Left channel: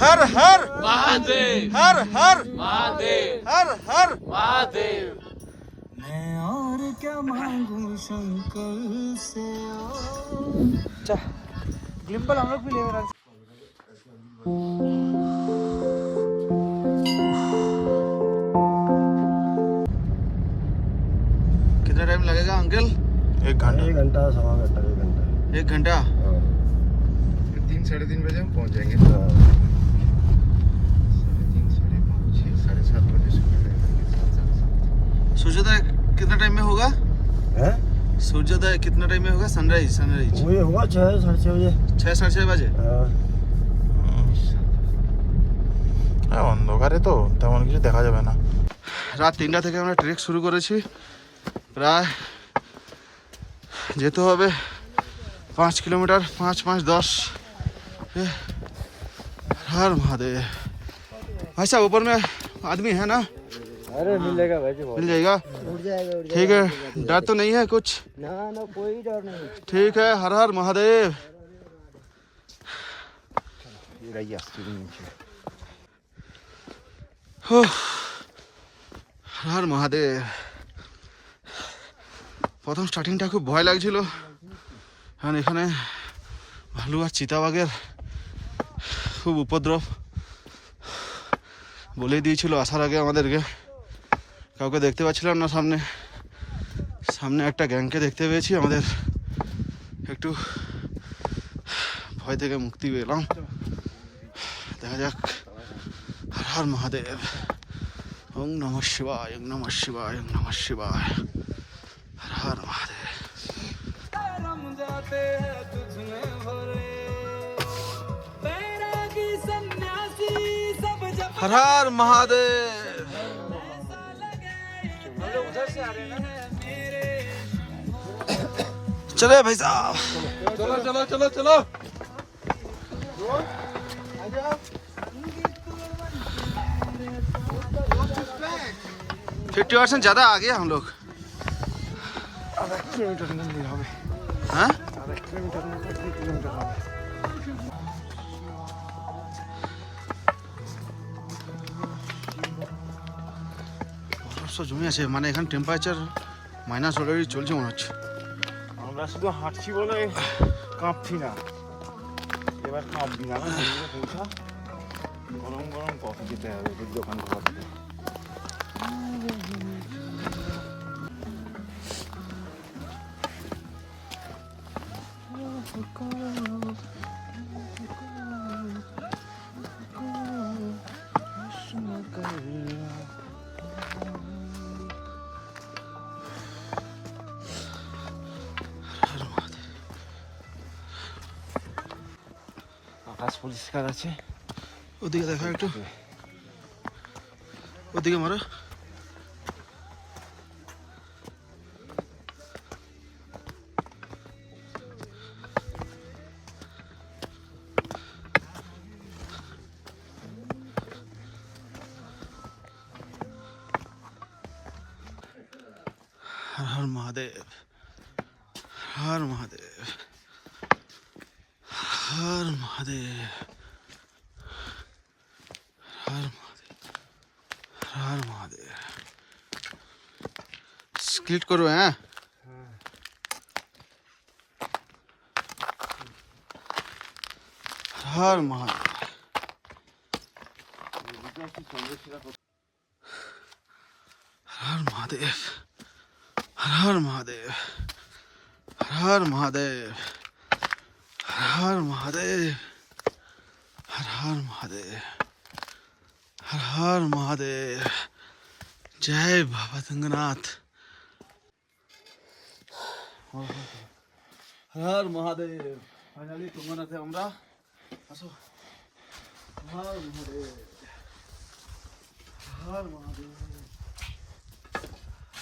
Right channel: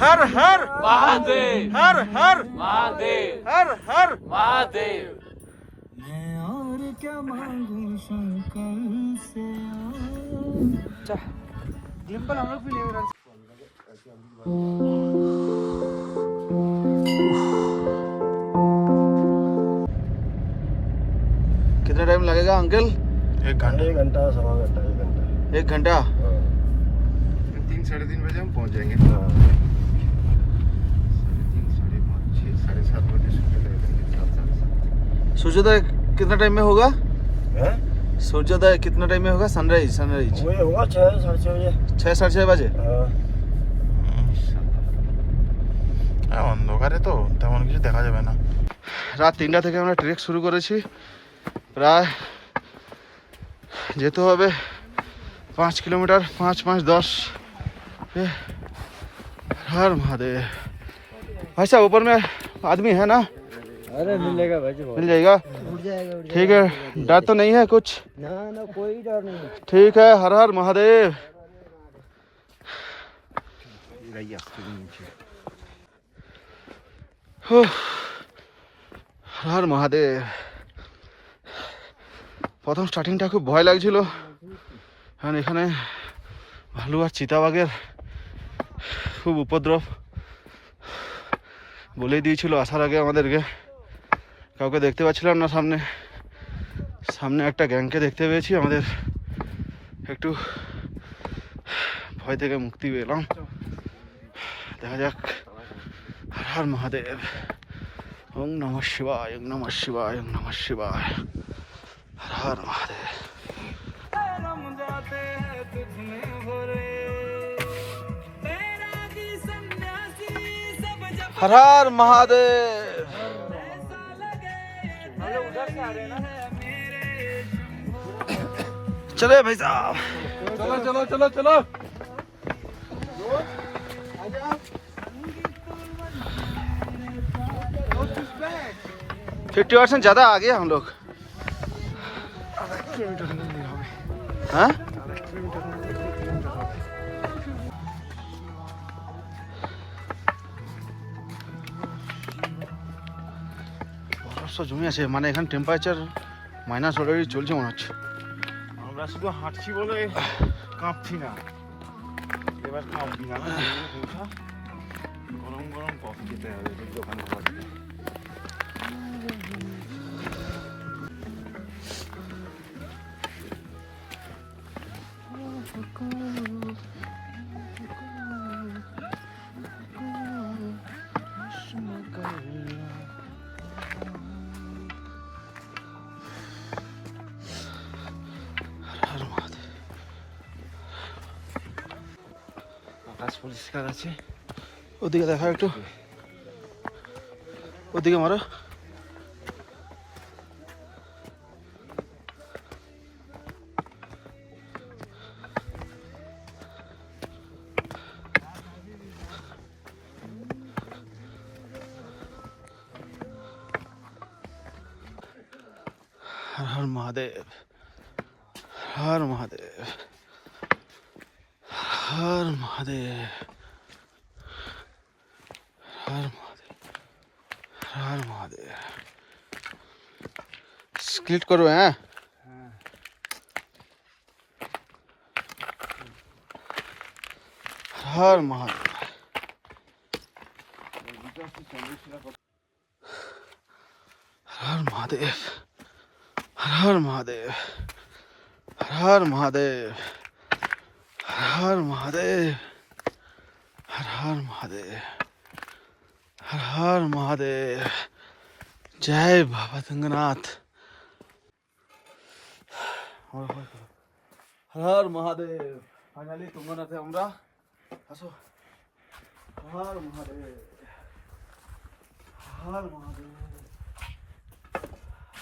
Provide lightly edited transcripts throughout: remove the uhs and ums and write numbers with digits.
हर हर महादेव हर हर महादेव हर हर महादेव। मैं और क्या मांगू शंकर से ग्लिम्बल हम लोग भी ले रहे हैं। कितना टाइम लगेगा अंकल? 1 घंटा 1 घंटा सवा घंटा 1 घंटा 1 घंटा। 3 साढ़े 3 बजे हम पहुंच जाएंगे। 3 साढ़े 5 6 साढ़े 7 बजे सूर्योदय कितना टाइम में होगा? हैं सूर्योदय कितना टाइम में होगा? सनराइज सनराइज वही होगा 6 साढ़े 6 बजे 6 साढ़े 6 বাজে। অন্ধকারে তো তেমন কিছু দেখা যাবে না। রাত 3টা থেকে আমরা ট্রেক শুরু করেছি। প্রায় যেতে হবে 5 किलोमीटर 5 5 10। हर महादेव। भाई साहब ऊपर में आदमी है ना? अरे मिलेगा भाई मिल जाएगा? उठ जाएगा ठीक है, डर तो नहीं है कुछ? ना ना कोई डर नहीं। ठीक है, हर हर महादेव। हर हर महादेव। প্রথম স্টার্টিংটা খুব ভয় লাগছিল, কারণ এখানে ভালু আর চিতাবাঘের খুব উপদ্রব। বলেই দিয়েছিল আসার আগে আমাদেরকে, কাউকে দেখতে পাচ্ছিলাম না। সামনে সামনে একটা গ্যাংকে দেখতে পেয়েছি, আমাদের একটু ভয় থেকে মুক্তি পেলাম। দেখা যাক। হর হর মহাদেব। ওম নমঃ শিবায়, ওম নমঃ শিবায়, ওম নমঃ শিবায়। हर हर महादेव। हर हर महादेव। चले भाई साहब, चलो चलो चलो चलो। 50% ज़्यादा आ गया हम लोग। हाँ বরফ জমে আছে, মানে এখানে টেম্পারেচার মাইনাস অলরেডি চলছে মনে হচ্ছে। আমরা শুধু হাঁটছি বলে কাঁপছি না, এবার কাঁপবি না। পৌঁছা গরম গরম কফি খেতে হবে ওদের দোকান থেকে। আকাশ পরিষ্কার আছে। ওদিকে দেখা একটু, ওদিকে মারো। हर हर महादेव, हर महादेव, हर महादेव, हर महादेव, हर महादेव। स्प्लिट करो हैं। हर महादेव, हर महादेव, हर महादेव, हर महादेव, हर महादेव, हर महादेव, हर महादेव। जय बाबा सिंहनाथ। हर महादेव। फाइनली तुंगनाथे আমরা আসো। हर महादेव, हर महादेव,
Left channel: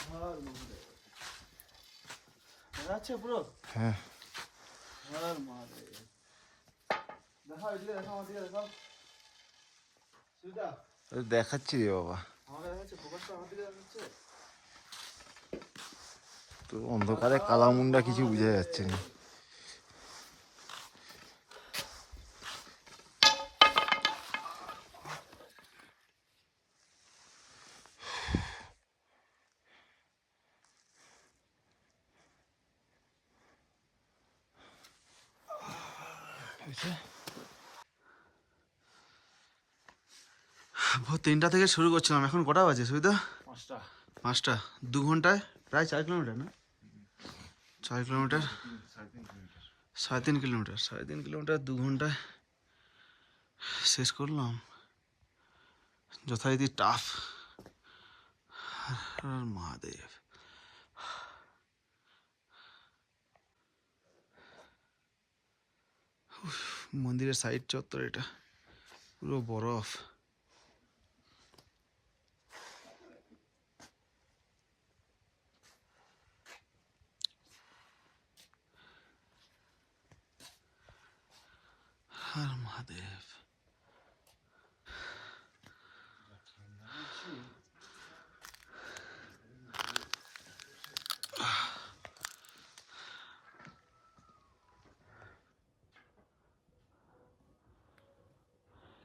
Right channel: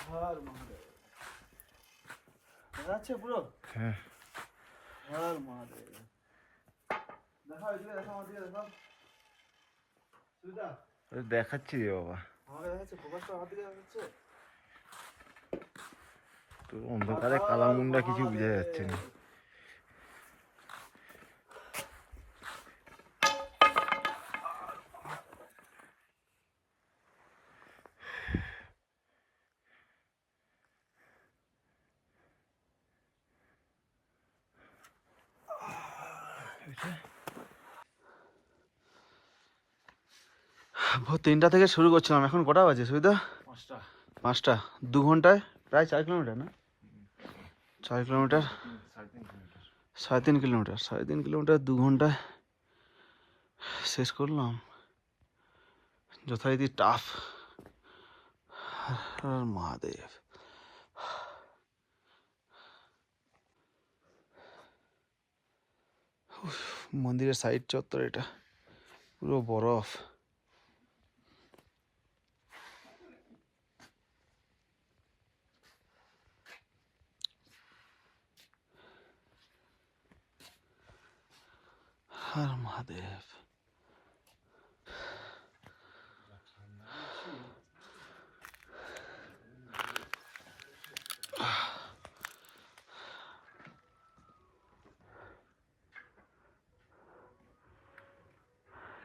हर महादेव। যাচ্ছে পুরো। হ্যাঁ हर महादेव। দেখো এদিকে দেখো, আমাদের দেখো। সুজা দেখাচ্ছি রে বাবা, আমাকে দেখাচ্ছে, ফোকাসটা আমার দিকে দেখাচ্ছে। তো অন্ধকারে কালামুন্ডা কিছু বুঝা যাচ্ছে না। ভোর 3টা থেকে শুরু করছিলাম, এখন কটা বাজে সুবিধা? 5টা 5টা। 2 ঘন্টায় প্রায় 4 কিলোমিটার না? 4 কিলোমিটার, 3.5 কিলোমিটার, 3.5 কিলোমিটার 2 ঘন্টায় শেষ করলাম। যথারীতি টাফ। হর মহাদেব। মন্দিরের সাইড চত্বর, এটা পুরো বরফ। হর মহাদেব।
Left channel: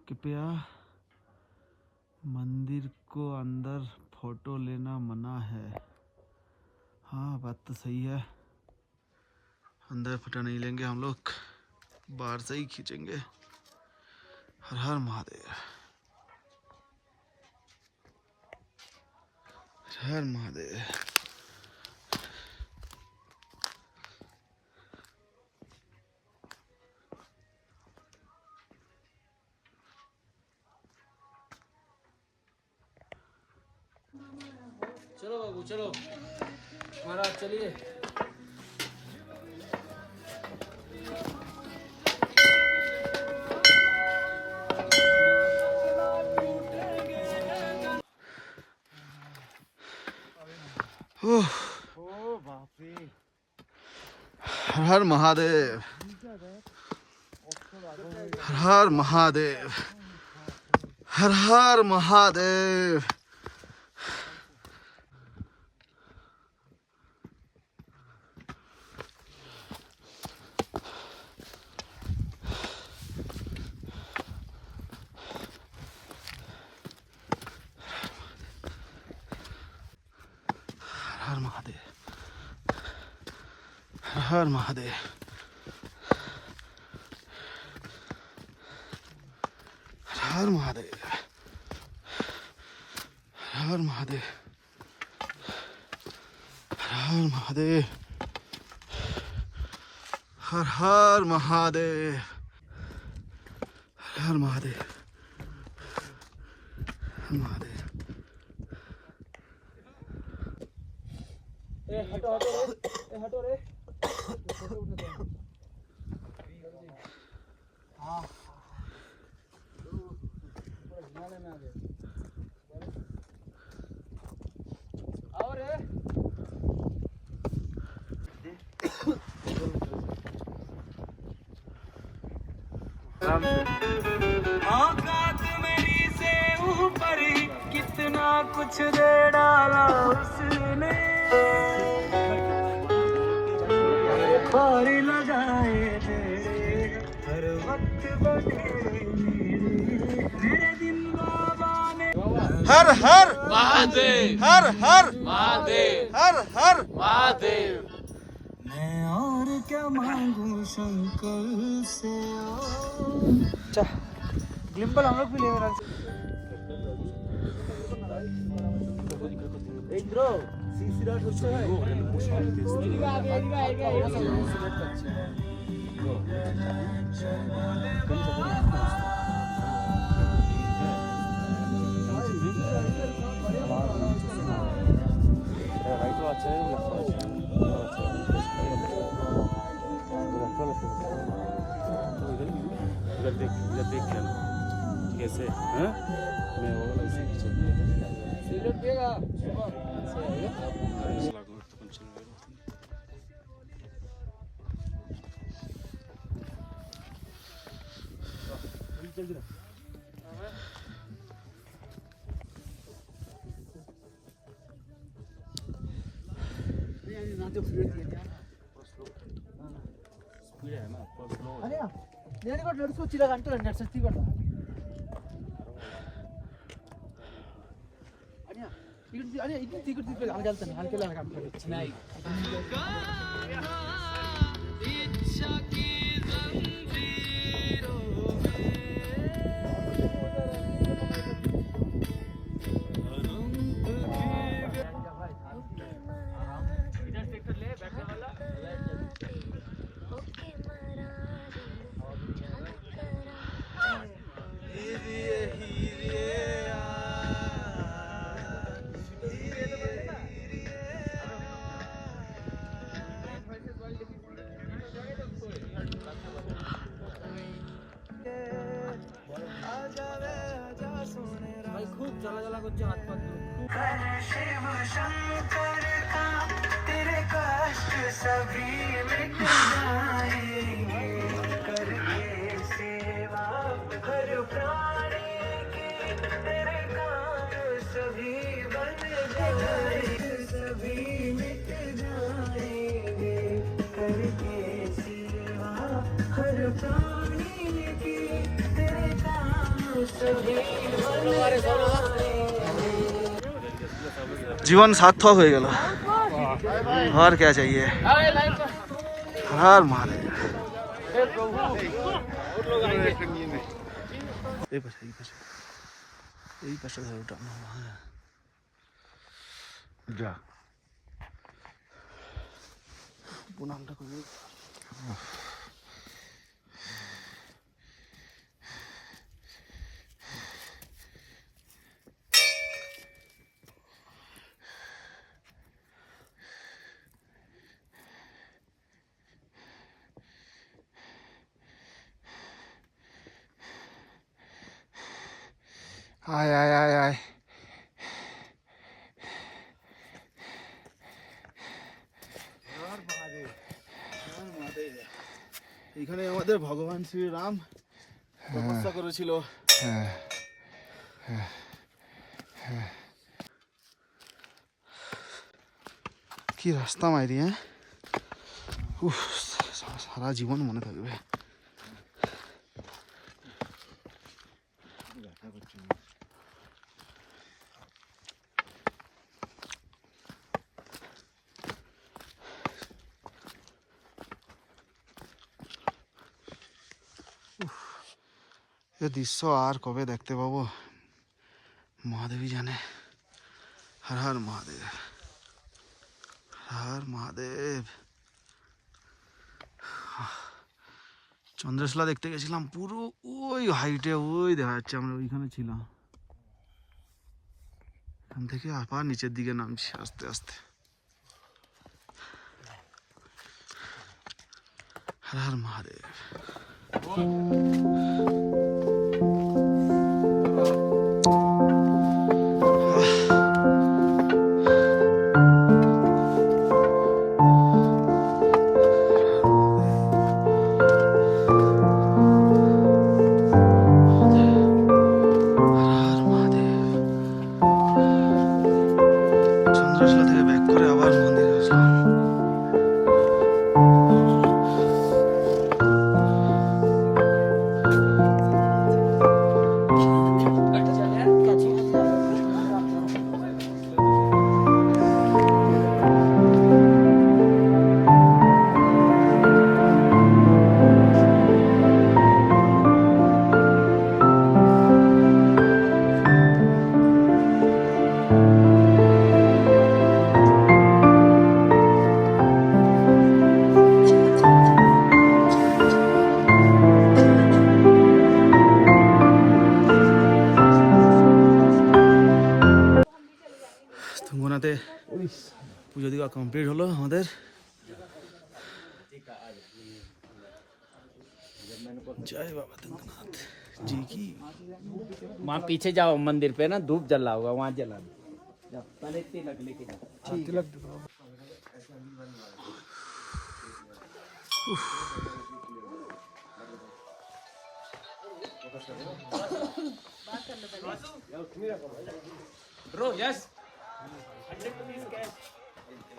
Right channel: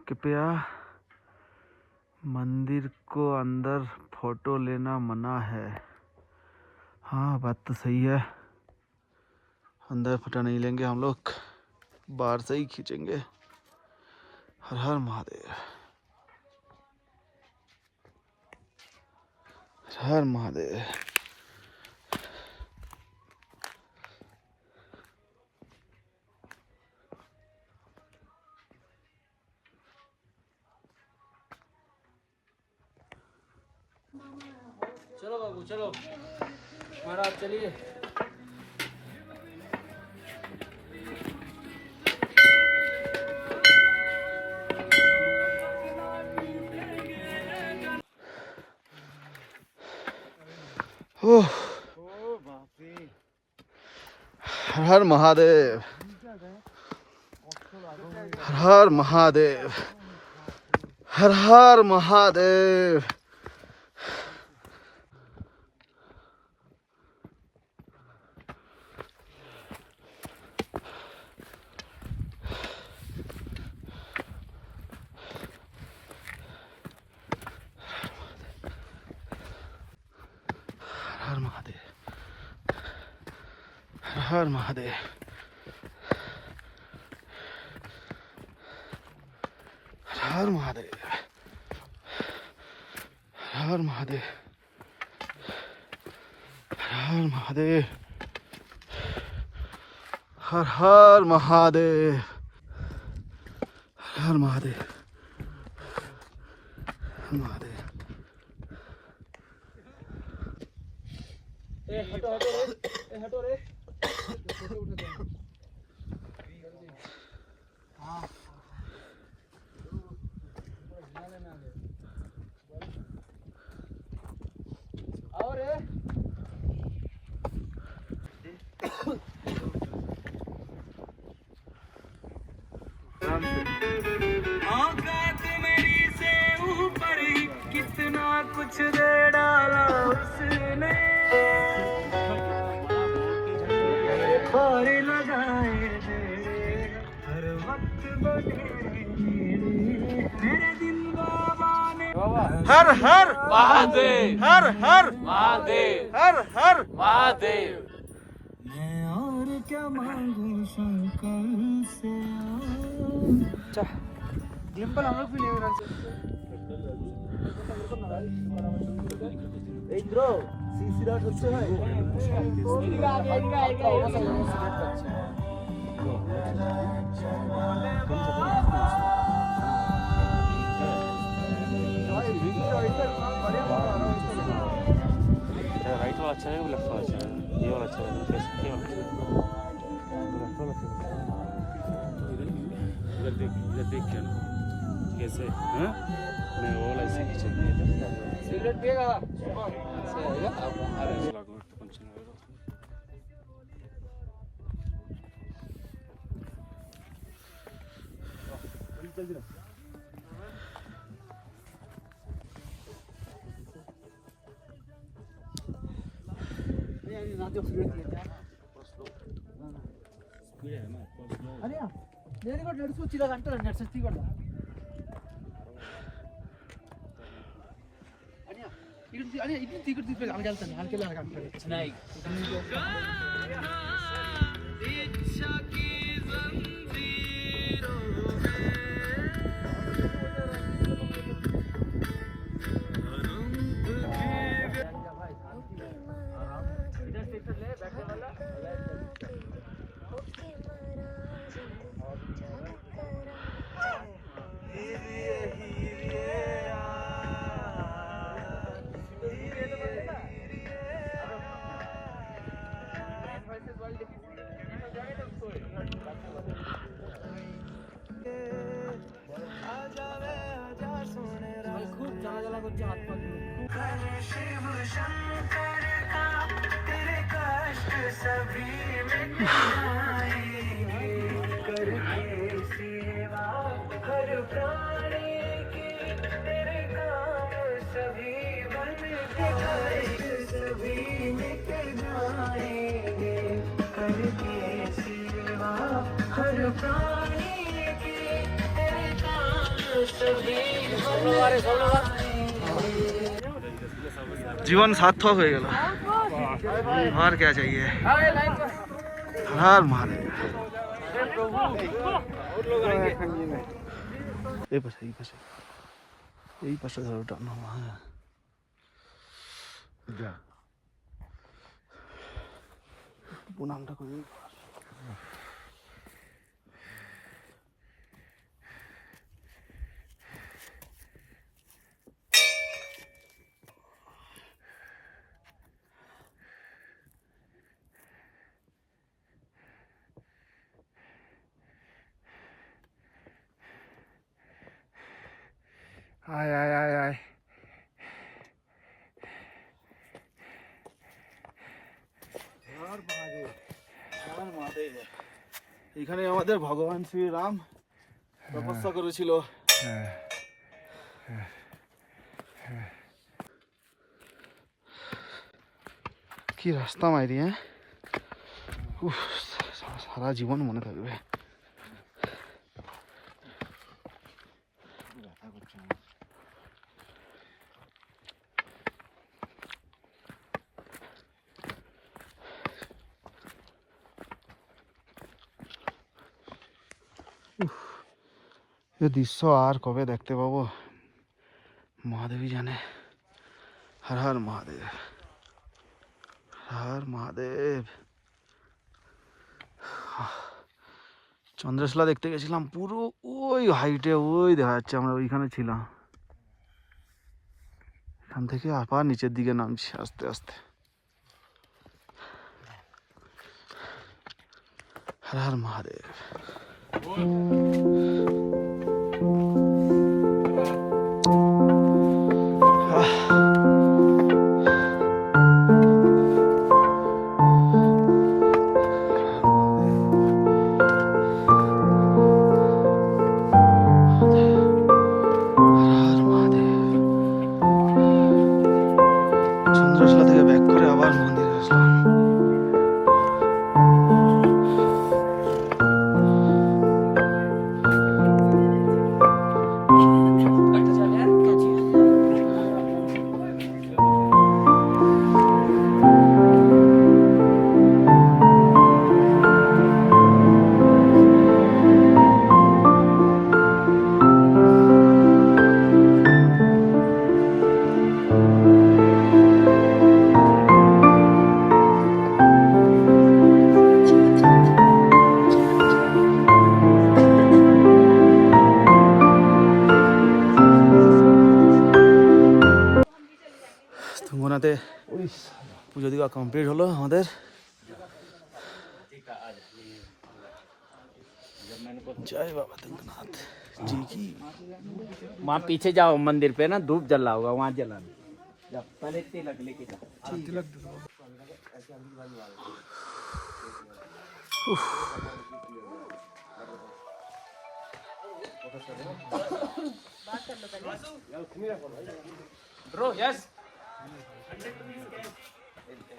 कृपया मंदिर को अंदर फोटो लेना मना है। हाँ, बात तो सही है। अंदर फोटो नहीं लेंगे हम लोग, बाहर से ही खींचेंगे। हर हर महादेव, हर हर महादेव। चलो बाबू चलो, महाराज चलिए। ओह, हर हर महादेव, हर हर महादेव, हर हर महादेव। हर महादेव, हर महादेव, हर महादेव, हर महादेव, हर महादेव, हर हर महादेव, हर महादेव, हर महादेव। हटो हटो रे, हटो रे। आओ रे। औकात मेरी से ऊपर ही कितना कुछ दे डाला उसने। और लगाए हर वक्त हर हर महादेव, हर हर महादेव, हर हर महादेव। मैं और क्या मांगू शंकर से। ग्लिम्बल हम लोग भी ले रहे हैं। इंद्रो सीसी रात होते हैं। कैसे हैं? मैं वो ऐसे खींचेंगे। सिगरेट पिएगा? అనియా నేను కూడా నడుచు వచ్చి ఇలా అంటే నడిచి కూడా అనియా ఇది అనియా ఇది తీకు తీకు ఆమె వెళ్తాను ఆమెకి వెళ్ళాలి అంటారు నై করছে হাত পা ধুয়ে। जीवन सार्थक हो गया और क्या चाहिए हर महादेव यही पासे धरो टाना যা প্রণামটা করি आय आय आय आय এখানে আমাদের ভগবান শ্রী রাম তপস্যা করেছিল কি রাস্তা মাইরি হ্যাঁ সারা জীবন মনে থাকবে এ দৃশ্য আর কবে দেখতে পাবো মহাদেবই জানে হর হর মহাদেব হর মহাদেব চন্দ্রশিলা দেখতে গেছিলাম পুরো ওই হাইটে ওই দেখা যাচ্ছে আমরা ওইখানে ছিলাম এখান থেকে আবার নিচের দিকে নামছি আস্তে আস্তে হর হর মহাদেব চন্দ্রশিলা থেকে ব্যাক করে আবার মন্দিরে আসলাম তুঙ্গনাতে পুজো দিবা কমপ্লিট হলো আমাদের जय बाबा तुंगनाथ जी की वहाँ पीछे जाओ मंदिर पे ना धूप जला होगा वहाँ जला पहले तिलक लेके जाओ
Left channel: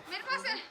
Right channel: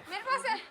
मेरे पास है